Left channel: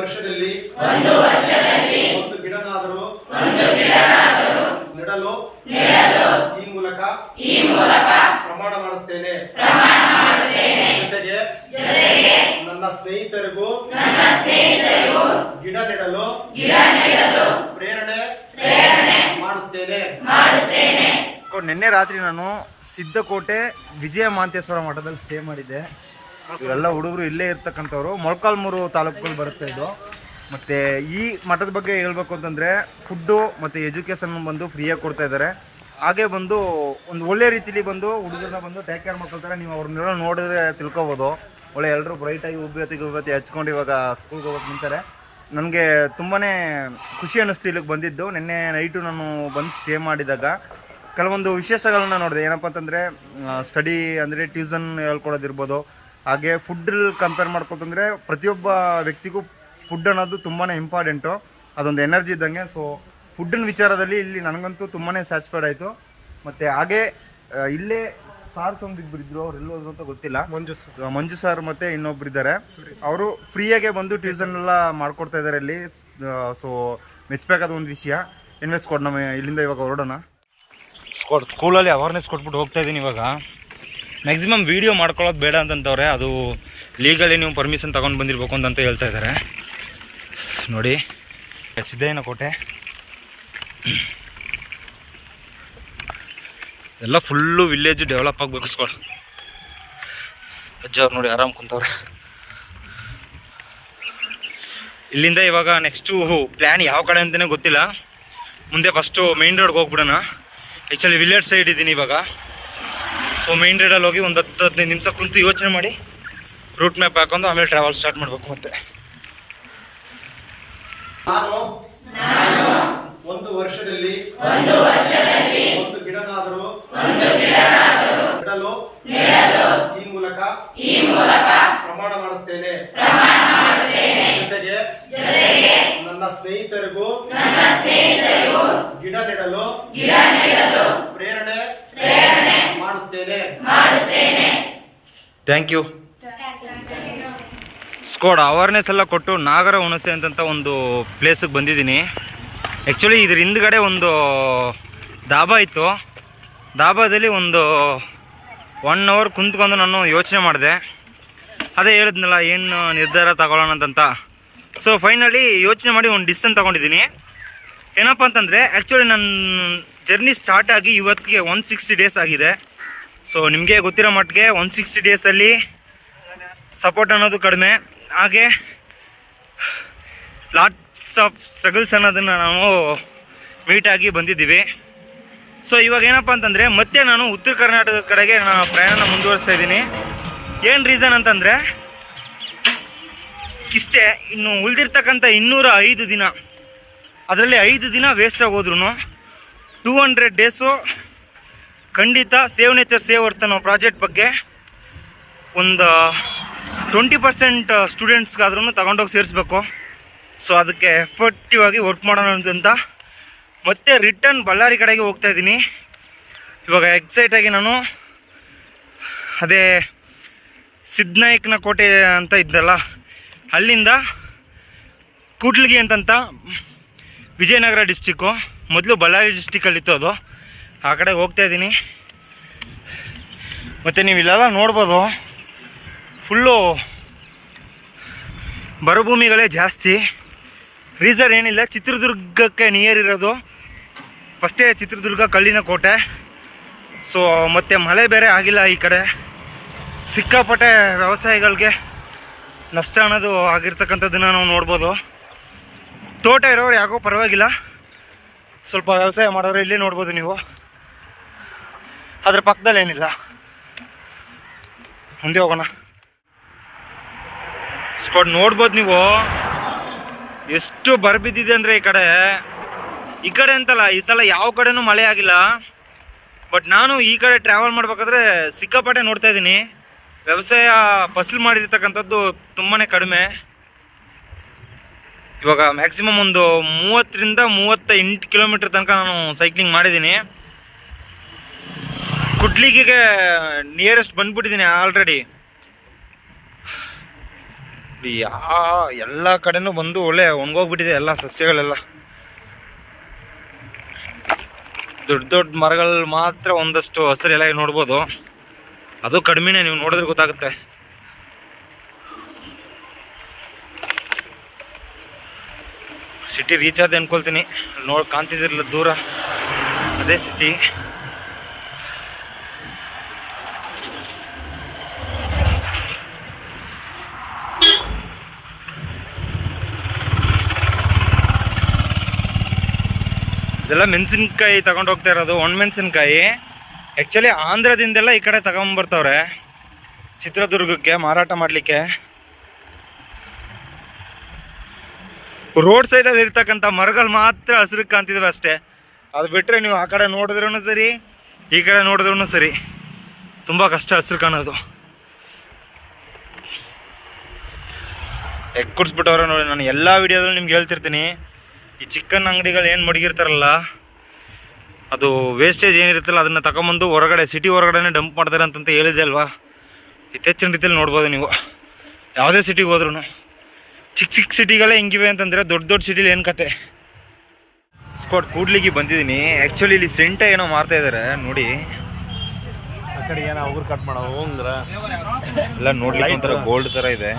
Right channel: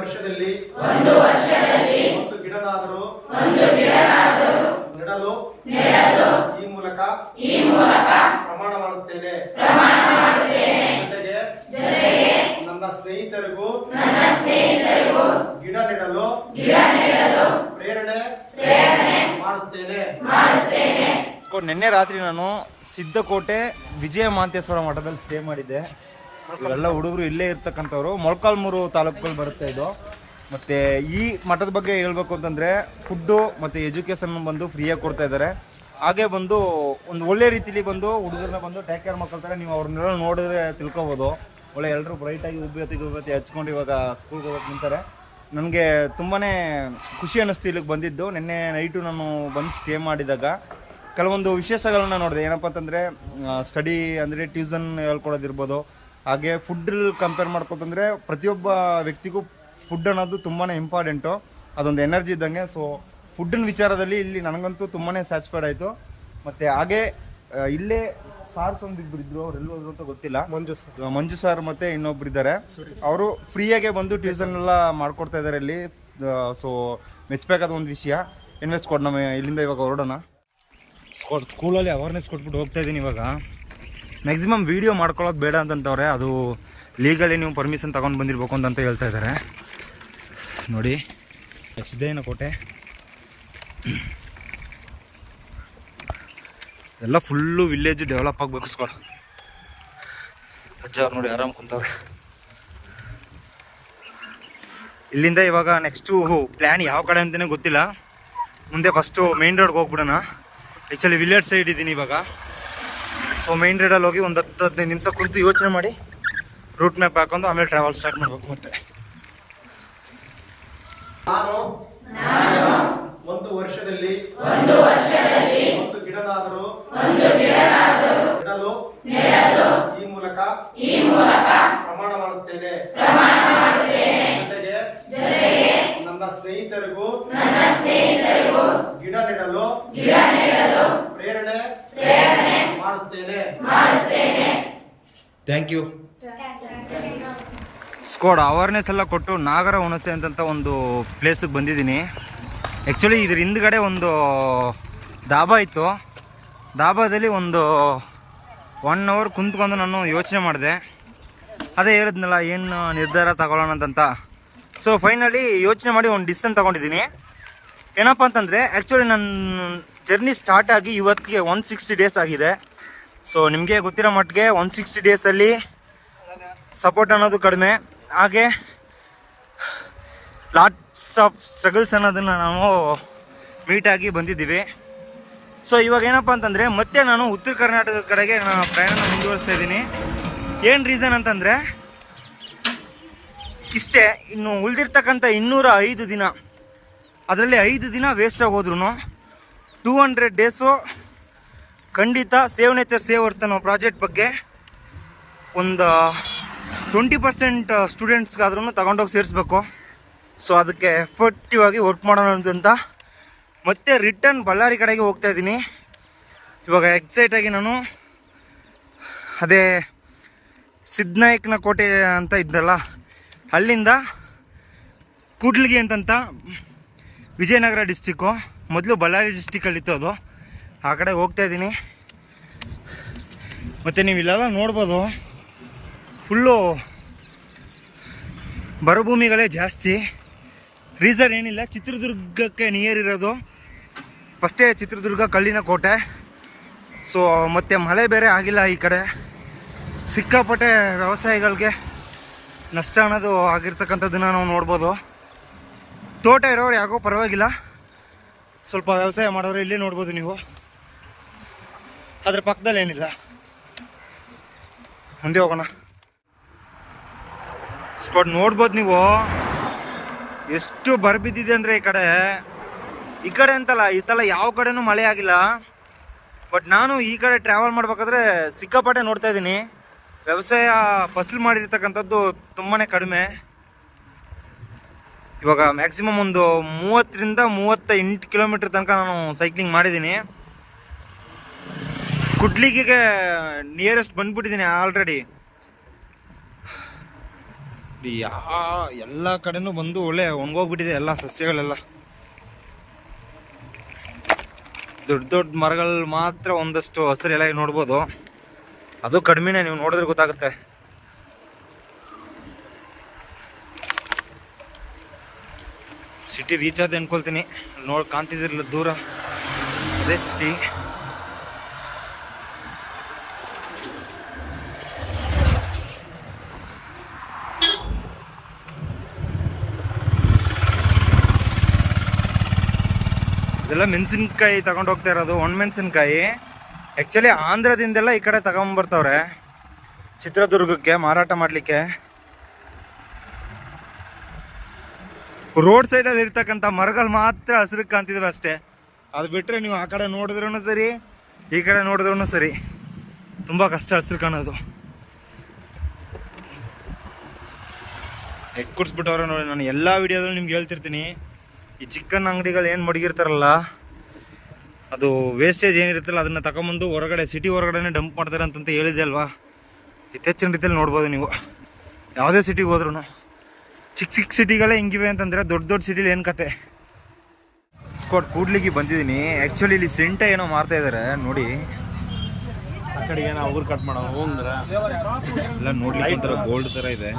ವರ್ಷದಲ್ಲಿ ಒಂದು ಗಿಡನಾದರೂ ನೆಡಲು ಈ ಮೂಲಕ ಪ್ರಮಾಣ ಮಾಡುತ್ತೇನೆ. ಜೊತೆಗೆ ನನ್ನ ಸ್ನೇಹಿತರಿಗೂ ಗಿಡ ನೆಡಲು ಪ್ರೇರಣೆ ಮಾಡುತ್ತೇನೆ. ನಿನ್ನೆ ರಾತ್ರಿ ನಾನು ಸಿದ್ದಕೋಟೆ ವಿಜಯ ಮಾಂತೇಶ್ವರ ಮಠದಲ್ಲಿ ಸ್ಟೇ ಮಾಡಿದ್ದೆ. ಇವರೆಲ್ಲ ಹುಡುಗರು ಇಲ್ಲೇ ಇರ್ತಕ್ಕಂಥವ್ರು. ಮೊಳಕಾಲ್ಮೂರು ತಾಲೂಕಲ್ಲಿ ಬರುತ್ತೆ ಇದು. ಮತ್ತು ಈ ಮಠದ ಬಗ್ಗೆ ಹೇಳ್ಬೇಕು ಅಂತಂದರೆ ಫುಡ್ಡು ಮತ್ತು ಎಜುಕೇಷನ್ ಬಂದು ಫ್ರೀಯಾಗಿ ಕೊಡ್ತಾ ಇದ್ದಾರೆ. ಹಾಗೆ ಬಂದು ಒಂದು ಒಳ್ಳೆ ರೀತಿಲಿ ಬಂದು ಹುಡುಗರನ್ನ ಬಂದು ಟೇಕ್ ಕೇರ್ ಮಾಡ್ಕೊಳ್ತಾರೆ. ನೀವು ಅವ್ರನ್ನೆಲ್ಲ ನೋಡಿದ್ರೆ ತಿಳ್ಕೊಬೋದು. ಒಳ್ಳೆ ಎಲ್ಲರೂ ಬ್ರೈಟಾಗಿ ಉಬ್ಬತ್ತಿ ಹಚ್ಕೊಂಡು ಇವಾಗ ಸ್ಕೂಲ್ಗೆ ಹೋಗೋಕೆ ನಿಂತಾರೆ. ನನಗೆ ತುಂಬಾ ಖುಷಿ ಅನ್ನಿಸ್ತು ಇಲ್ಲಿಗೆ ಬಂದಿದ್ದು. ನಿನ್ನೆ ನೈಟು ನಾನು ಬಂದು ಸ್ಟೇ ಮಾಡಿದಾಗ ಕೆಲವೊಂದು ವಿಶೇಷಗಳನ್ನ ನೋಡಿದೆ. ಏನಪ್ಪ ಅಂತಂದರೆ ಸ್ಟಡಿ ಅಂದರೆ ಟ್ಯೂಷನ್ ಹೇಳ್ಕೊಡೋದಿರ್ಬೋದು. ಹಾಗೆ ಫುಡ್ ಕಂಪೇರ್ ಮಾಡ್ಕೊತಂದರೆ ಪ್ರತಿಯೊಬ್ಬ ವ್ಯಕ್ತಿಗೂ ಫುಡ್ ಅನ್ನೋದು ತುಂಬಾ ಇಂಪಾರ್ಟೆಂಟು. ಅದೊಂದು ಎನರ್ಜಿ ಇದ್ದಂಗೆ. ಸೊ ಫುಡ್ಡಿನ ವಿಚಾರದಲ್ಲಿ ಇಲ್ಲಿ ನನಗಂತೂ ತುಂಬಾ ಸ್ಯಾಟಿಸ್ಫೈಡ್ ಆಯಿತು. ಮತ್ತು ಹಾಗೆ ಇಲ್ಲೇ ಸಾರ್ಸ್ ಒಂದಿಬ್ಬರು ಇದ್ರು, ಅವ್ರು ಎಲ್ಲಿ ಹೋದ್ರು ಅಂತ ಗೊತ್ತಿಲ್ಲ. ಮಂಜು ಸರ್ ಮತ್ತು ಇನ್ನೊಬ್ರು ಇದ್ದಾರೆ. ಅವರು ಫ್ರೀಯಾಗೆ ಬಂದು ಟ್ಯೂಷನ್ ಎಲ್ಲ ಮಾಡ್ಕೊಡ್ತಾ ಇದ್ದಾರೆ ಇಲ್ಲಿ. ಸೊ ಮೆಚ್ಚಬೇಕಾದ ಒಂದು ವಿಷಯ. ಇನ್ವೆಸ್ಟ್ ಕೊಟ್ಟು ನಮ್ಮ ಇಲ್ಲಿಂದ ಇವಾಗ ಹೊರಡೋಣ. ಸ್ಕೂಲಲ್ಲಿ ಅವೇರ್ನೆಸ್ ಕೊಟ್ಬಿಟ್ಟು ಹೋಗ್ತಾ ಇದ್ದೀನಿ. ಇವಾಗ ಮ್ಯಾಕ್ಸಿಮಮ್ ವೀಡಿಯೋ ಮಾಡ್ಕೊಳ್ಳೋದು ಬೇಡ ಅಂತಂತವ್ರೆ. ಅದು ಲೀಗಲಿ ನೀವು ಪರ್ಮಿಷನ್ ತೊಗೊಂಡು ಬಂದಿರಬೇಕು ಅಂತ ಹೇಳ್ತಾ ಇದ್ದಾರೆ. ನೋಡಿ ಸಿದ್ದಯ್ಯನ ಕೋಟೆ ಎಲ್ಲ ಫುಲ್ಲು ವಿಲೇಜು ಡೆವಲಪ್ ಆಗಬೇಕು. ಸ್ಕೂಲ್ ಅಜ್ಜವ್ರು ನೋಡಿ ಆರಾಮ್ ಕುಂತವ್ರೆ. ಇಲ್ಲಿಂದ ಇವಾಗ ನೆಕ್ಸ್ಟು ಪ್ಲ್ಯಾನ್ ಯಾವ ಕಡೆ ಅಂತಲೇ ಗೊತ್ತಿಲ್ಲ. ಮುಂದೆ ಫಸ್ಟು ಮೇನ್ ರೋಡ್ಗೆ ಹೋಗ್ಬಿಡೋಣ. ಆ್ಯಕ್ಚುಲಿ ವಿಲೇಜ್ ಸೈಡ್ ಇದ್ದೀನಿ ಇವಾಗ. ಸೊ ಮೇನ್ ರೋಡಲ್ಲಿ ಹೋಗಿ ಒಂದು 10-15 ನಿಮಿಷ ಕುಂತು ಯೋಚನೆ ಮಾಡಿ ರೂಟ್ ಮ್ಯಾಪ್ ಹಾಕೊಂಡು ಆಮೇಲೆ ಟ್ರಾವೆಲ್ ಸ್ಟಾರ್ಟ್ ಮಾಡಬೇಕು. ಮತ್ತೆ ನಾನು ಒಂದು ವರ್ಷದಲ್ಲಿ ಒಂದು ಗಿಡನಾದರೂ ನೆಡಲು ಈ ಮೂಲಕ ಪ್ರಮಾಣ ಮಾಡುತ್ತೇನೆ. ಜೊತೆಗೆ ನನ್ನ ಸ್ನೇಹಿತರಿಗೂ ಗಿಡ ನೆಡಲು ಪ್ರೇರಣೆ ಮಾಡುತ್ತೇನೆ. Thank you. ಸ್ಕೋಡ್ ಅವೇರ್ನೆಸ್ ಎಲ್ಲ ಕೊಟ್ಟು ನಾಗರ ಹುಣಸೆ ಅಂತ ಒಂದು ಪ್ಲೇಸಿಗೆ ಬಂದಿದ್ದೀನಿ. ಆ್ಯಕ್ಚುಲಿ ಇದ್ರ ಹಿಂದ್ಗಡೆ ಒಂದು ಧಾಬಾ ಇತ್ತು. ಧಾಬಾದಲ್ಲಿ ಒಂದು 1 hour ಕುಂತ್ಕೊಂಡು ನಾನು ಯೋಚನೆ ಮಾಡಿದೆ. ಅದೇ ಹೇಳಿದ್ನಲ್ಲ ಏನು ನಿರ್ಧಾರ ತಗೊಳ್ಳೋಣ ಅಂತ. ಸೊ ಫೈನಲಿ ಯೋಚನೆ ಮಾಡಿ ಒಂದು ಡಿಸಿಷನ್ ತೊಗೊಂಡಿದ್ದೀನಿ. ಏನಪ್ಪ ಅಂತಂದರೆ ಆ್ಯಕ್ಚುಲಿ ನನ್ನ ಜರ್ನಿ ಸ್ಟಾರ್ಟ್ ಆಗಿ ಇವತ್ತಿಗೆ 160 days ಆಗಿದೆ. ಸೊ ನಿಮಗೆ ಗೊತ್ತಿರೋ ಮಟ್ಟಿಗೆ 160 ಡೇಸಲ್ಲಿ ಸಪೋರ್ಟ್ ಅನ್ನೋದು ಕಡಿಮೆ. ಹಾಗೆ ಲಾಟ್ಸ್ ಆಫ್ ಸ್ಟ್ರಗಲ್ಸ್ ಅನ್ನೋದನ್ನು ನಾವು ಮೀಟಾಗಿ ಬಂದಿದ್ದೀವಿ. ಸೊ ಇವಾಗ ಏನಪ್ಪ ಅಂತಂದರೆ ಮತ್ತೆ ನಾನು ಉತ್ತರ ಕರ್ನಾಟಕದ ಕಡೆಗೆ ನಾನು ಪ್ರಯಾಣ ಮುಂದುವರಿಸ್ತಾ ಇದ್ದೀನಿ. ಏನು ರೀಸನ್ ಅಂತಂದರೆ ಇಷ್ಟೇ, ಇನ್ನು ಉಳಿದಿರ್ತಕ್ಕಂಥ 205 ದಿನ, ಅದರಲ್ಲಿ 5 ದಿನ ವೇಸ್ಟ್ ಆಗೋದ್ರೂ 200 ಡೇಸು ಖಂಡಿತ ಸೇವ್ ನೇಚರ್ ಸೇವ್ ಅರ್ಥ ಅನ್ನೋ ಪ್ರಾಜೆಕ್ಟ್ ಬಗ್ಗೆ ಒಂದು 20% ಸ್ಟೂಡೆಂಟ್ಸ್ಗಾದ್ರೂ ತಗೊಂಡೋಗಿ ಸೇರಿಸ್ಬೇಕು. ಸೊ ಅದಕ್ಕೆ ಎಫರ್ಟಿವ್ ಆಗಿ ವರ್ಕ್ ಮಾಡೋಣ ಅಂತ ಮತ್ತೆ ರಿಟರ್ನ್ ಬಳ್ಳಾರಿ ಕಡೆಗೆ ಹೋಗ್ತಾ ಇದ್ದೀನಿ. ಇವಾಗ ಎಕ್ಸೈಟಾಗಿ ನಾನು ಅದೇ ಸಿದ್ಧನಾಯಕನ ಕೋಟೆ ಅಂತ ಇದ್ದಲ್ಲ, ಅಲ್ಲಿಂದ ಕೂಡ್ಲಿಗಿ ಅಂತಂತ ವಿಜಯನಗರ ಡಿಸ್ಟಿಕ್ಕು, ಮೊದಲು ಬಳ್ಳಾರಿ ಡಿಸ್ಟಿಕಲ್ಲಿತ್ತು ಅದು. ಆ ಕಡೆ ಹೋಗ್ತಾ ಇದ್ದೀನಿ. ಮತ್ತು ನೀವು ಇಲ್ಲೆಲ್ಲ ನೋಡ್ಬೋದು, ಫುಲ್ಲು ಬರಭೂಮಿಗಳೇ ಜಾಸ್ತಿ. ರೀಸನ್ ಏನಿಲ್ಲ, ಚಿತ್ರದುರ್ಗಕ್ಕೆ ನಿಯರ್ ಇರೋದು. ಫಸ್ಟೇ ಚಿತ್ರದುರ್ಗ ಕಲ್ಲಿನ ಕೋಟೆ. ಸೊ ಮತ್ತು ಮಳೆ ಬೇರೆ ಆಗಿಲ್ಲ ಈ ಕಡೆ. ಸಿಕ್ಕಾಪಟ್ಟೆ ವ್ಯವಸಾಯಿಗಳಿಗೆ ನಷ್ಟ ಅನ್ನೋದು ಆಗಿರ್ತಕ್ಕಂಥದ್ದನ್ನು ನಾವು ನೋಡ್ಬೋದು. ತೋಟ ಇರೋರು ಯಾಕೋ ಪರವಾಗಿಲ್ಲ, ಸ್ವಲ್ಪ ವ್ಯವಸಾಯ ಮಾಡೋರು ಇಲ್ಲೇ ನೋಡ್ಬೋದು ನೀವು. ಅದ್ರ ಪಕ್ಕದಲ್ಲಿ ಏನಿಲ್ಲ. ಮುಂದೆ ಹೋಗೋಣ. ಸ್ಕೋಡ್ ನೋಡ್ಬೋದು ನೀವು ಎಷ್ಟು ಬರಬಿದ್ದಿದೆ ಅಂದರೆ ಈ ಕಡೆ ಅಂತಲ್ಲ, ಈ ಸಲ ಯಾವ ಕಡೆನೂ ಮಳೆ ಆಗಿಲ್ಲ. ಬಟ್ ನಾನು ಈ ಕಡೆ ಟ್ರಾವೆಲ್ ಮಾಡ್ಬೇಕಾದ್ರೆ ಸಿಕ್ಕಾಪಟ್ಟೆ ನೋಡ್ತಾ ಇದ್ದೀನಿ. ವ್ಯವಸಾಯ ಫಸಲು ಮಾಡಿರ್ತಕ್ಕಂಥದ್ದು ತುಂಬಾ ಕಡಿಮೆ. ಇವಾಗ ಮ್ಯಾಕ್ಸಿಮಮ್ ಒಂದು 30ರಿಂದ 38 ಕಿಲೋಮೀಟ್ರ್ ತನಕ ನಾನು ಸೈಕ್ಲಿಂಗ್ ಮಾಡಿದ್ದೀನಿ. ಕುಡ್ಲಿಗಿಗೆ ನಿಯರೆಸ್ಟ್ ಬಂದ್ಬಿಟ್ಟಿದ್ದೀನಿ ಆಲ್ರೆಡಿ. ಎಲ್ಲ ಕಡೆನೂ ಬಂದು ಒಳ್ಳೆ ಒಣಗೋಗ್ಬಿಟ್ಟಿದೆ ಎಲ್ಲ ಸಸ್ಯಗಳೆಲ್ಲ. ದೊಡ್ಡ ದೊಡ್ಡ ಮರಗಳು ಮಾತ್ರ ಒಂದಷ್ಟು ಹಸಿರು ಎಲೆ ನೋಡ್ಬೋದು, ಅದು ಕಡಿಮೆನೇ, ನೀವು ನೋಡಿದ್ರೆ ಗೊತ್ತಾಗುತ್ತೆ. ಸಿಟಿ ರೀಚ್ ಆದ ಅನ್ಕೊಳ್ತೀನಿ, ಕಾಣ್ತಿದ್ದಿರಲ್ಲ ದೂರ, ಅದೇ ಸಿಟಿ. ಇದೆಲ್ಲ ಮೆಣಸಿನ್ಕಾಯಿ ತಗೊಂಡು ಹೋಗ್ತಾ ಇರೋದು, ಒಣಮೆಣಸಿನ್ಕಾಯಿ. ಆ್ಯಕ್ಚುಲಿ ಆಂಧ್ರದಿಂದೆಲ್ಲ ಈ ಕಡೆ ತಗೊಂಬರ್ತವ್ರೆ ಚಿತ್ರದುರ್ಗಕ್ಕೆ ಮಾರಾಟ ಮಾಡಲಿಕ್ಕೆ. ರೋಡ್ ಸೈಡಲ್ಲಿ ಇರ್ತಕ್ಕಂಥ ಮರಗಳು ಮಾತ್ರ ಹಸಿರು ಕಾಣ್ತಿದ್ವಿ ಅಷ್ಟೇ. ಅದು ಬಿಟ್ಟರೆ ನೀವು ಆ ಕಡೆ ನೋಡಿದ್ರೂ ಸರಿ, ಈ ಕಡೆ ನೋಡಿದ್ರೂ ಸರಿ, ತುಂಬ ಕಷ್ಟ ಹಸಿರು ಕಾಣೋದು. ಕುಡಿಸ್ಬಿಟ್ಟವ್ರೆ ನೋಡಿ. ನಾನು ಎಲ್ಲ ವಿಡಿಯೋದಲ್ಲೂ ನಿಮ್ಗೆ ಹೇಳ್ತಿರ್ತೀನಿ, ಈ ಚಿಕನ್ ಅಂಗಡಿಗಳು ಏನು ಮಡಗಿರ್ತಾರಲ್ಲ, ಅದು ವೇಸ್ಟೇಜ್ ಏನಿರುತ್ತಲ್ಲ ಅದನ್ನು ತಗೊಂಬಂದು ಹೊರಗಡೆ, ಸಿಟಿ ಹೊರಗಡೆ ಡಂಪ್ ಮಾಡ್ತಾರೆ ಅಂತಂತ ಹೇಳಿದೆ ಅಲ್ವಾ. ಇತ್ತೀಚಿನ ರೀತಿಯಲ್ಲಿ ನೋಡ್ಬೋದು ನೀವು, ಯಾವುದೇ ಸಿಟಿಗೆ ಹೋದ್ರೂ. ಚಿಕ್ಕ ಚಿಕ್ಕ ಸಿಟಿಗಳೇ ಹಿಂಗಿವೆ ಅಂತಂದರೆ ದೊಡ್ಡ ದೊಡ್ಡ ಸಿಟಿಲಿ ಏನು ಕತೆ. ಸ್ಕ್ವಾಡ್ ಕೂಡ್ಲಿಕ್ಕೆ ಬಂದಿದ್ದೀನಿ. ಆ್ಯಕ್ಚುಲಿ ಇಲ್ಲಿ ಸೆಂಟ ಏನೋ ಮಾರ್ತಾ ಇದ್ದಾರೆ ನೋಡಿ. ಎಲ್ಲ ನೋಡ್ಲಿಕ್ಕೆ ಒಂಥರ ಗೋಲ್ಡ್ ಥರ ಇದೆ,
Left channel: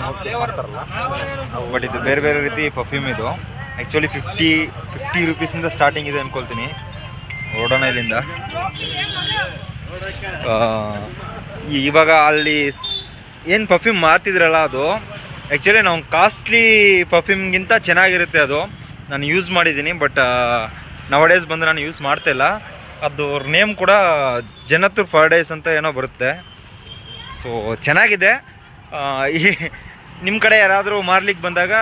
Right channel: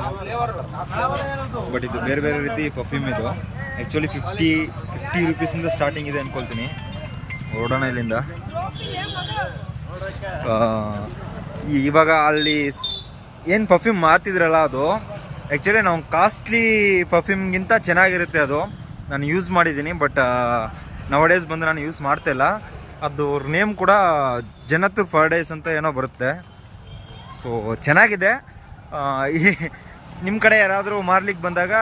ಬಟ್ ಇದು ಬೇರೆ ಬೇರೆ ರೀತಿ ಪರ್ಫ್ಯೂಮ್ ಇದು. ಆ್ಯಕ್ಚುಲಿ 50 ರೂಪೀಸಿಂದ ಸ್ಟಾರ್ಟಿಂಗ್ ಇದೆ ಅಂದ್ಕೊಳ್ತೀನಿ. ಹೊರಡೋಣ ಇಲ್ಲಿಂದ. ಇವಾಗ ಅಲ್ಲಿ ಏನು ಪರ್ಫ್ಯೂಮ್ ಮಾರ್ತಿದ್ರಲ್ಲ, ಅದು ಆ್ಯಕ್ಚುಲಿ ನಾವು ಕಾಸ್ಟ್ಲಿ ಪರ್ಫ್ಯೂಮ್ಗಿಂತ ಚೆನ್ನಾಗಿರುತ್ತೆ ಅದು. ನಾನು ಯೂಸ್ ಮಾಡಿದ್ದೀನಿ, ಬಟ್ ನವಡೇಸ್ ಬಂದು ನಾನು ಯೂಸ್ ಮಾಡ್ತಾಯಿಲ್ಲ. ಅದು ಅವ್ರ ನೇಮ್ ಕೂಡ ಜನತ್ ಫರ್ಡೇಸ್ ಅಂತ ಏನೋ ಬರುತ್ತೆ. ಸೊ ಚೆನ್ನಾಗಿದೆ. ನಿಮ್ಮ ಕಡೆ ಯಾರಾದರೂ ಮಾರ್ಲಿಕ್ಕೆ ಬಂದಾಗ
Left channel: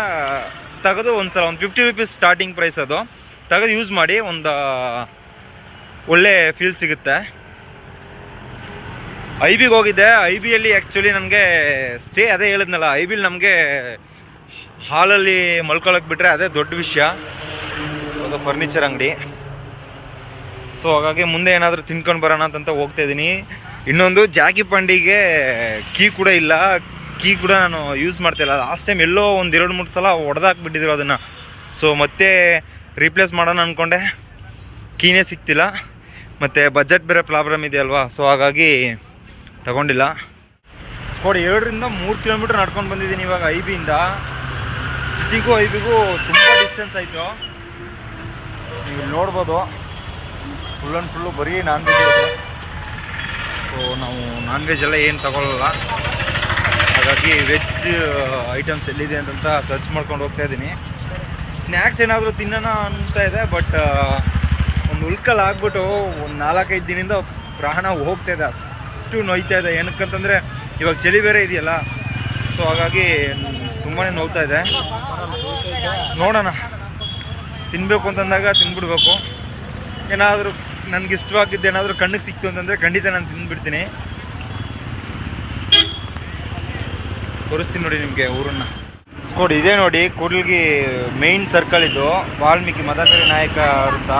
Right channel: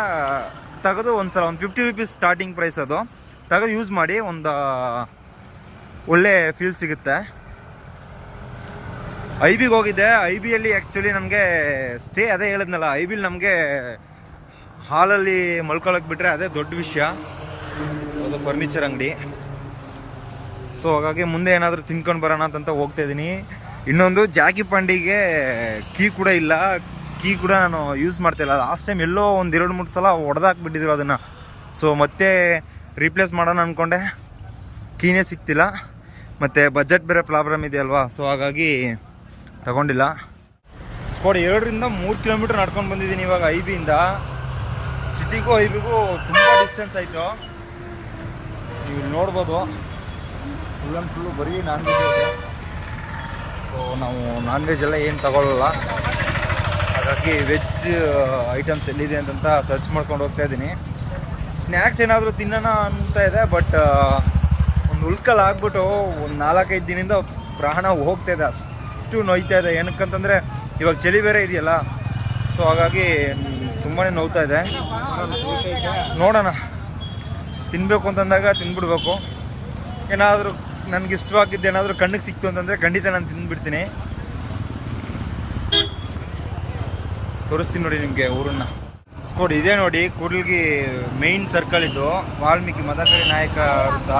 ತೆಗೆದು ಒಂದ್ಸಲ ಒಂದು 50 ರೂಪೀಸ್ ಸ್ಟಾರ್ಟಿಂಗ್ ಪ್ರೈಸ್, ಅದು ತೆಗೆದು ಯೂಸ್ ಮಾಡಿ, ಒಂದು ಒಳ್ಳೆ ಫೀಲ್ ಸಿಗುತ್ತೆ. ಐಬಿಗೆ ಹೋಗಿದ್ದೆ. ಐಬಿಯಲ್ಲಿ ಆ್ಯಕ್ಚುಲಿ ನನಗೆ ಸ್ಟೇ, ಅದೇ ಹೇಳಿದ್ನಲ್ಲ, ಐಬಿಲಿ ನಮಗೆ ಹಾಲಲ್ಲಿ ಮಲ್ಕೊಳ್ಳೋಕೆ ಬಿಟ್ಟರೆ ಅದೇ ದೊಡ್ಡ ವಿಷಯ. ಅದು ಫರ್ನಿಚರ್ ಅಂಗಡಿ. ಸೊ ಹಾಗಾಗಿ ಮುಂದೆ ಏನಾದರೂ ತಿನ್ಕೊಂಡು ಬರೋಣ ಅಂತ ಹೋಗ್ತಾಯಿದ್ದೀನಿ. ಇನ್ನೊಂದು ಜಾಕಿ ಪಂಡಿಗೆ ಕೀ ಕೂಡ ಇಲ್ಲ. ಕೀ ಕೂಡ ನಾನು ಯೂಸ್ ಮಾಡ್ತಾಯಿಲ್ಲ. ಲಾಸ್ಟ್ ಟೈಮ್ ಎಲ್ಲೋ ಒಂದು 2-3 ಸಲ ಹೊಡೆದಾಕ್ಬಿಟ್ಟಿದ್ರು ಅದನ್ನು. ಸೊ ಮತ್ತೆ ರೀಪ್ಲೇಸ್ ಮಾಡೋಣ ಅಂದ್ಕೊಂಡೆ, ಕೀನೇ ಸಿಗ್ತಿಲ್ಲ. ಮತ್ತು ಬಜೆಟ್ ಬೇರೆ ಪ್ರಾಬ್ಲಮ್ ಇದೆಯಲ್ವಾ, ಸೊ ಹಾಗಾಗಿ ತಗೊಂಡಿಲ್ಲ. ನೋಡಿ 2ರಿಂದ 3 ಕಿಲೋಮೀಟ್ರ್ ನಡ್ಕೊಂಡು ಬಂದಿದ್ದೀನಿ ಇವಾಗ ಐಬಿಯಿಂದ. ಸಿಟಿಗೂ ಐಬಿಗೂ ತುಂಬ ಡಿಸ್ಟೆನ್ಸ್ ಆಯಿತು. ನೀವು ಇಲ್ಲಿ ನೋಡ್ಬೋದು, ಫುಲ್ ಆ್ಯಂಡ್ ಫುಲ್ಲು ಬರೀ ನಾನ್ ವೆಜ್ ಇದೆ. ಸೊ ನಾವು ನಾನ್ ವೆಜ್ ಎಲ್ಲ ಏನು ತಗೊಳ್ಳಲ್ಲ, ಹಾಗಾಗಿ ವೆಜ್ ಐಟಮ್ಸ್ ಎಲ್ಲಿದೆ ಅಂತ ಸರ್ಚ್ ಮಾಡ್ಕೊಂಡು ಹೋಗ್ತಾಯಿದ್ದೀನಿ. ಸ್ನ್ಯಾಕ್ಸ್ ಏನಾದರೂ ತಿನ್ನೋಣ ಅಂತ ಇದೆ, ಬಟ್ ಒಂದು ಉಳ್ಕಲ್ಲಿ ಆಗ್ಬಿಟ್ಟು ಒಂದು 4-5 ದಿನದಿಂದ ಪ್ರಾಣ ಹೋಗ್ತಾಯಿದೆ, ಅಷ್ಟು ನೋಯ್ತಾ ಇದೆ. ಏನಕ್ಕಂತಂದರೆ ಇವಾಗ ಚಳಿ ಬೇರೆ ಇದೆಯಲ್ಲ, ಸೊ ಹಾಗಾಗಿ ತುಂಬಾ ನೋವ್ತಾ ಇದೆ. ನೋಡೋಣ, ತಿನ್ನಬೇಕು ಅಂತಂದಾಗ ತಿಂದ್ಬಿಡ್ಬೇಕು. ಏನಾದರೂ ನನಗೆ ಇಷ್ಟವಾಗಿದ್ದು ಏನಾದರೂ ಕಣ್ಣಿಗೆ ಸಿಕ್ತು ಅಂತಂದರೆ ಖಂಡಿತ ನಾನು ತಿಂದುಬಿಡ್ತೀನಿ. ತೋರಿಸ್ತೀನಿ ನೋಡಿ ನಿಮಗೆ ಊರನ್ನು. ಸ್ಕೋಡ್ ಇದೆ ನೋಡಿ, ಕೂಡ್ಲಿಗಿ ಮೇಯ್ನ್ ಸರ್ಕಲ್ ಇದು, ವಾಲ್ಮೀಕಿ ಮದಕರಿ ನಾಯಕ ವೃತ್ತ.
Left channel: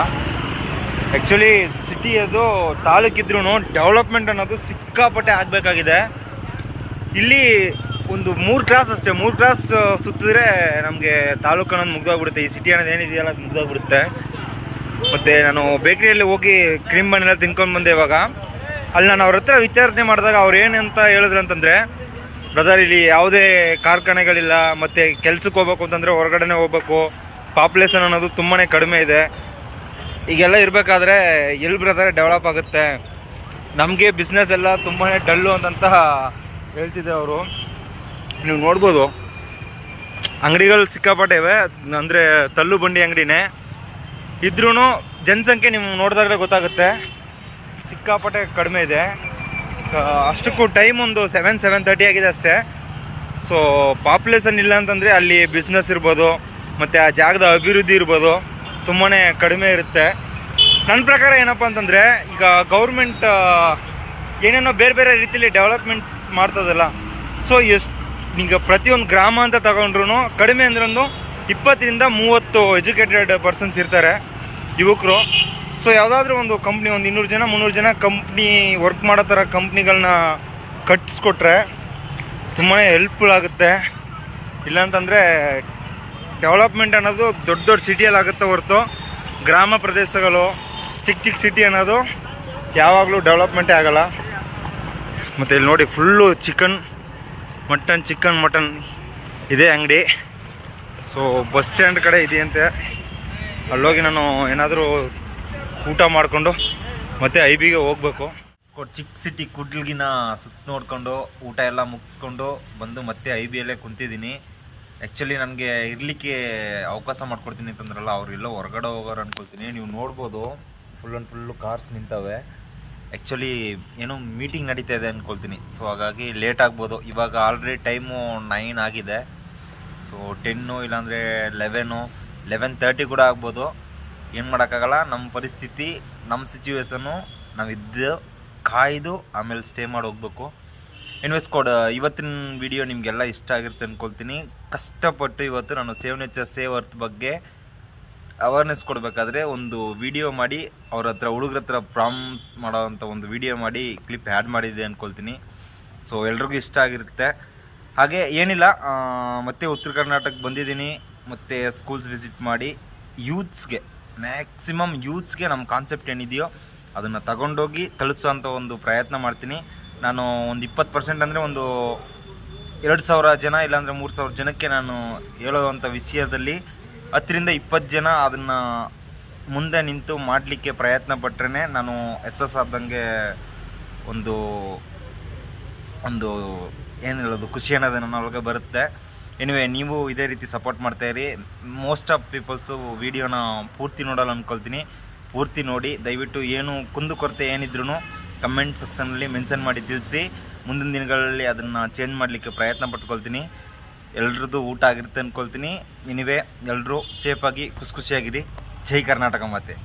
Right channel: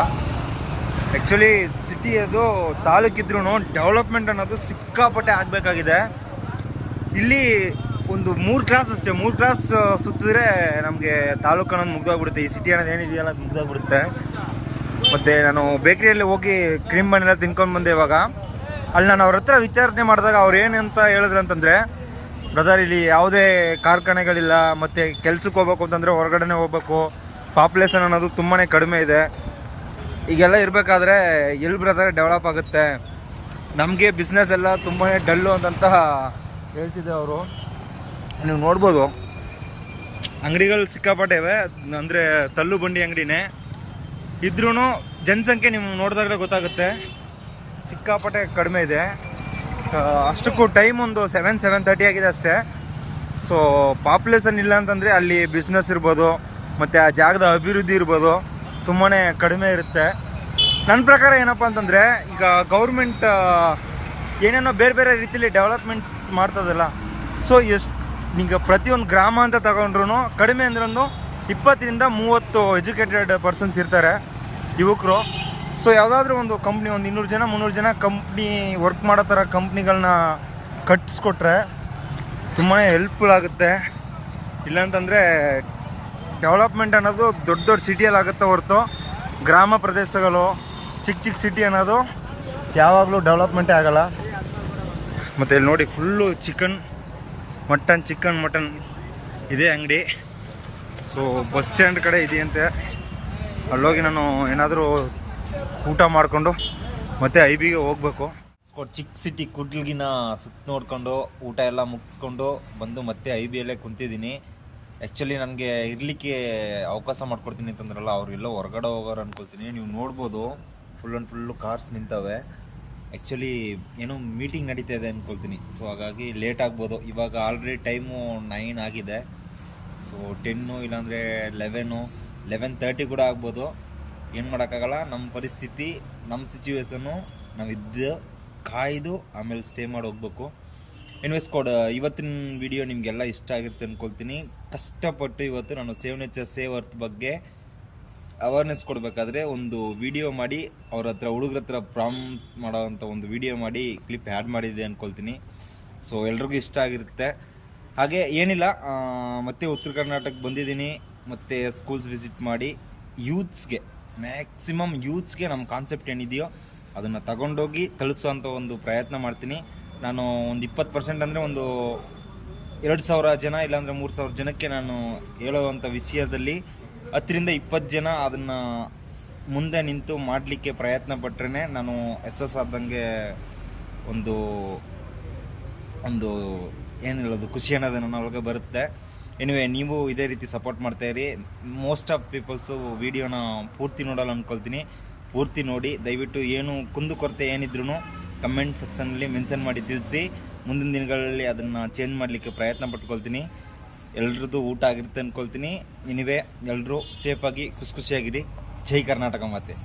ಆ್ಯಕ್ಚುಲಿ ಸಿಟಿ ಅದು ತಾಲೂಕಿದ್ರೂ ಡೆವಲಪ್ಮೆಂಟ್ ಅನ್ನೋದು ಸಿಕ್ಕಾಪಟ್ಟೆ ಆಗಬೇಕಾಗಿದೆ. ಇಲ್ಲಿ ಒಂದು 3 ಕ್ರಾಸ್ ಅಷ್ಟೇ, 3 ಕ್ರಾಸ್ ಸುತ್ತಿದ್ರೆ ನಮಗೆ ತಾಲೂಕು ಅನ್ನೋದು ಮುಗ್ದೋಗ್ಬಿಡುತ್ತೆ. ಈ ಸಿಟಿ ಅನ್ನೋದು ಏನಿದೆಯಲ್ಲ ಅದು ಮುಗ್ದೋಗ್ಬಿಡುತ್ತೆ. ಮತ್ತು ನಾನು ಬೇಕ್ರಿಯಲ್ಲಿ ಹೋಗಿ ಕ್ರೀಮ್ ಬನ್ನೆಲ್ಲ ತಿನ್ಕೊಂಡು ಬಂದೆ. ಇವಾಗ ಅಲ್ಲಿ ನಾನು ಅವ್ರ ಹತ್ರ ವಿಚಾರಣೆ ಮಾಡಿದಾಗ ಅವ್ರು ಏನಂತ ಹೇಳಿದ್ರು ಅಂತಂದರೆ, ಬ್ರದರ್ ಇಲ್ಲಿ ಯಾವುದೇ ಕಾರ್ಖಾನೆಗಳಿಲ್ಲ, ಮತ್ತು ಕೆಲ್ಸಕ್ಕೆ ಹೋಗ್ಬೇಕು ಅಂತಂದರೆ ಹೊರಗಡೆನೇ ಹೋಗ್ಬೇಕು, ಪಾಪ್ಯುಲೇಷನ್ ಅನ್ನೋದು ತುಂಬಾ ಕಡಿಮೆ ಇದೆ. ಈಗೆಲ್ಲ ಇರಬೇಕಾದ್ರೆ ಎಲ್ಲಿ ಬ್ರದರ್ ಡೆವಲಪ್ ಆಗುತ್ತೆ, ನಮಗೆ ಬಿಸ್ನೆಸ್ ಎಲ್ಲ ತುಂಬಾ ಡಲ್ಲು ಅಂತ ಹೇಳ್ತಿದ್ದೆ ಅವರು. ನೀವು ನೋಡ್ಬೋದು ಅಂಗಡಿಗಳು ಸಿಕ್ಕಾಪಟ್ಟೆ ಇವೆ, ಅಂದರೆ ತಳ್ಳು ಬಂಡಿ ಅಂಗಡಿನೇ ಇದ್ರೂ ಜನಸಂಖ್ಯೆ ನೀವು ನೋಡಿದಾಗಲೇ ಗೊತ್ತಾಗುತ್ತೆ ಸಿಕ್ಕಾಪಟ್ಟೆ ಕಡಿಮೆ ಇದೆ. ಅಷ್ಟಕ್ಕೂ ಟೈಮ್ ಒಂದು 7-7:30 ಆಗಿದೆ ಅಷ್ಟೇ. ಸೊ ಪಾಪ್ಯುಲೇಷನ್ ಇಲ್ಲ ಅಂತಂದರೆ ಅಲ್ಲಿ ಬಿಸ್ನೆಸ್ ಇರ್ಬೋದು, ಮತ್ತು ಆ ಜಾಗದ ಅಭಿವೃದ್ಧಿ ಇರ್ಬೋದು, ತುಂಬಾ ಕಡಿಮೆ ಇರುತ್ತೆ. ನನ್ನ ಪ್ರಕಾರ ಏನಪ್ಪ ಅಂತಂದರೆ, ಈಗ ಗೌರ್ಮೆಂಟ್ ಏನೇನೋ ಬೇರೆ ಬೇರೆ ರೀತಿಯಲ್ಲಿ ಡೆವಲಪ್ಮೆಂಟ್ಸ್ ಮಾಡ್ತದಲ್ಲ, ಸೊ ಈಗ ಪ್ರತಿಯೊಂದು ಗ್ರಾಮ ಅಂತ ತಗೊಂಡ್ರು ಕಡಿಮೆ ಅಂದ್ರೆ ಒಂದು 20-30 ಎಜುಕೇಟೆಡ್ ಪರ್ಸನ್ಸ್ ಇರ್ತಾರೆ, ಯುವಕರು. ಸೊ ಯಾವುದಾದ್ರೂ ಒಂದು ಕಂಪ್ನಿ, ಒಂದು 200-300 ಜನ ಕಂಪ್ನಿ ವರ್ಕ್ ಮಾಡೋ ಥರ ಕಂಪ್ನಿಗಳನ್ನ ಕಟ್ಟಿಸ್ಕೊಟ್ರೆ ತುಂಬಾ ಹೆಲ್ಪ್ಫುಲ್ ಆಗುತ್ತೆ. ಇಲ್ಲಾಂತಂದರೆ ಡೆವಲಪ್ಮೆಂಟ್ ಅನ್ನೋದು ದೊಡ್ಡ ದೊಡ್ಡ ಸಿಟಿಯಲ್ಲಿ ಆಗುತ್ತೆ ಹೊರತು ಗ್ರಾಮ ಪ್ರದೇಶಗಳು ಚಿಕ್ಕ ಚಿಕ್ಕ ಸಿಟಿ ಅನ್ನೋದು ಯಾವಾಗಲೂ ಡೆವಲಪ್ಮೆಂಟೇ ಆಗಲ್ಲ. ಮತ್ತು ಇಲ್ಲಿ ನೋಡಿ ಫುಲ್ಲು ಚಿಕನ್ ಮಟನ್ ಇದೇ ಅಂಗಡಿ. ಸೊ ಬಸ್ ಸ್ಟ್ಯಾಂಡ್ ಕಡೆ ಇದೆಯಂತೆ, ಅಲ್ಲೋಗಿ ನಾನು ಏನಾದರೂ ಊಟ ಮಾಡಿಕೊಂಡು ಮತ್ತೆ IBಗೆ ಹೋಗ್ಬೇಕು. ಚಿಕ್ಕ ಸಿಟಿ ಕುಡ್ಲಿಗಿನ ಸುತ್ತ ನೋಡ್ಕೊಂಡು ಊಟ ಎಲ್ಲ ಮುಗಿಸ್ಕೊಂಡು ಬಂದು ಮತ್ತೆ IBಯಲ್ಲೇ ಕುಂತಿದ್ದೀನಿ. ಆ್ಯಕ್ಚುಲಿ ನನಗೆ ಇರಲಿಕ್ಕೆ ಅವಕಾಶ ಮಾಡ್ಕೊಡ್ತೀನಿ ಅಂತಂದ್ರಲ್ಲ, ಅವರೆಲ್ಲೋ ಹೊರಗಡೆ ಹೋಗೋರು ಅನ್ಕೊಳ್ತೀನಿ. ನೀವು ನೋಡ್ಬೋದು ಫುಲ್ಲು ಕಾರ್ಸ್ ನಿಂತವೆ. ಆ್ಯಕ್ಚುಲಿ ಏನೋ ಮೀಟಿಂಗ್ ನಡೀತಾ ಇದೆ ಅಂದ್ಕೊಳ್ತೀನಿ. ಸೊ ಹಾಗಾಗಿ ಲೇಟ್ ಆಗ್ಬೋದು. ಇವಾಗ ಆಲ್ರೆಡಿ ಟೈಮು 9 ಆಗಿದೆ. ಸೊ 10 ಇಲ್ಲಾಂದರೆ 11:30 ಕೂಡ ಆಗ್ಬೋದು. ಏನು ಮಾಡೋಕ್ಕಾಗಲ್ಲ, ನಮ್ಮ ಪರಿಸ್ಥಿತಿ, ನಮ್ಮ ಸಿಚುವೇಶನ್ನು ನಾವಿದ್ದು ಕಾಯ್ದು ಆಮೇಲೆ ಸ್ಟೇ ಮಾಡಿ ಹೋಗ್ಬೇಕು. ಇನ್ವೆಸ್ಟ್ ಇವತ್ತಿನ ವಿಡಿಯೋ ನಿಮಗೆಲ್ಲ ಇಷ್ಟ ಆಗಿರುತ್ತೆ ಅಂದ್ಕೊಳ್ತೀನಿ. ಕಷ್ಟಪಟ್ಟು ಇವತ್ತು ನಾನು ಸೇವ್ ನೇಚರ್ ಸೇವ್ ಅರ್ತ್ ಬಗ್ಗೆ ಅವೇರ್ನೆಸ್ ಕೊಡಬೇಕಾದ್ರೆ ಒಂದು ವಿಡಿಯೋ ಮಾಡಿ ಅವ್ರ ಹತ್ರ ಹುಡುಗ್ರ ಹತ್ರ ಪ್ರಾಮ್ಸ್ ಮಾಡೋವಂಥ ಒಂದು ವಿಡಿಯೋ ಮಾಡಿ ಕ್ಲಿಪ್ ಆ್ಯಡ್ ಮಾಡಿದೆ ಅಂದ್ಕೊಳ್ತೀನಿ. ಸೊ ಎಲ್ರಿಗೂ ಇಷ್ಟ ಆಗಿರುತ್ತೆ. ಹಾಗೆ ಏನಿಲ್ಲ, ಮತ್ತೆ ಉತ್ತರ ಕರ್ನಾಟಕಕ್ಕೆ ಬಂದಿದ್ದೀನಿ. ಮತ್ತು ಸ್ಕೂಲ್ಸ್ ವಿಸಿಟ್ ಮಾಡಿ ಯೂತ್ಸ್ಗೆ, ಮ್ಯಾಕ್ಸಿಮಮ್ ಯೂತ್ಸ್ಗೆ ನಮ್ಮ ಕಾನ್ಸೆಪ್ಟ್ ಏನಿದೆಯೋ ಅದನ್ನು ತಗೊಂಡೋಗಿ ತಲುಪಿಸೋಂಥ ಒಂದು ಪ್ರಯತ್ನ ಮಾಡ್ತೀನಿ. ನಾನು ಒಂದು 20% ಅಂದರೆ ಒಂದು 2,000 ಜನ ಇಲ್ಲಾಂದರೆ 3,000 ಜನಕ್ಕೆ ನಾನು ಹೇಳೋವಂಥ ವಿಷಯದಲ್ಲಿ 10ರಿಂದ 20 ಜನ ಅದನ್ನು ಮುಂದೆ ನಿಂತು ಮಾಡಲಿಕ್ಕೆ ಪ್ರಯತ್ನ ಪಟ್ಟರೆ ನಾನು ಆದಂಗೆ ಒಂದು ಏನು ಹೇಳೋದು, ಖುಷಿ ಅನ್ನೋದು ನನ್ನ ಒಳಗೆ ಬರುತ್ತೆ. ಎನಿವೆ, ನೀವು ಇದೇ ರೀತಿ ಸಪೋರ್ಟ್ ಮಾಡ್ತಾಯಿರಿ. ಮೋಸ್ಟ್ ಆಫ್ ಪೀಪಲ್ಸು ವೀಡಿಯೋನ ಪೂರ್ತಿ ನೋಡಲ್ಲ ಅಂದ್ಕೊಳ್ತೀನಿ. ಪೂರ್ತಿ ನೋಡಿ ದಯವಿಟ್ಟು ಏನು ಕುಂದುಕೊರತೆ ಏನಿದ್ರು ಕಮೆಂಟ್ ಸೆಕ್ಷನಲ್ಲಿ ಮೆನ್ಷನ್ ಮಾಡಿ ತಿಳಿಸಿ. ಮುಂದಿನ ದಿನಗಳಲ್ಲಿ ಅದನ್ನು ಚೇಂಜ್ ಮಾಡಲಿಕ್ಕೆ ಪ್ರಯತ್ನ ಪಟ್ಕೊಳ್ತೀನಿ. ಎಲ್ರದ್ದು ಊಟ ಆಗಿರುತ್ತೆ ಅಂದ್ಕೊಳ್ತೀನಿ. ಎನಿವೆ, ಎಲ್ಲರೂ ಸೇಫಾಗಿ ಖುಷಿಯಾಗಿರಿ. ಜೈ ಕರ್ನಾಟಕ ಮಾತೆ.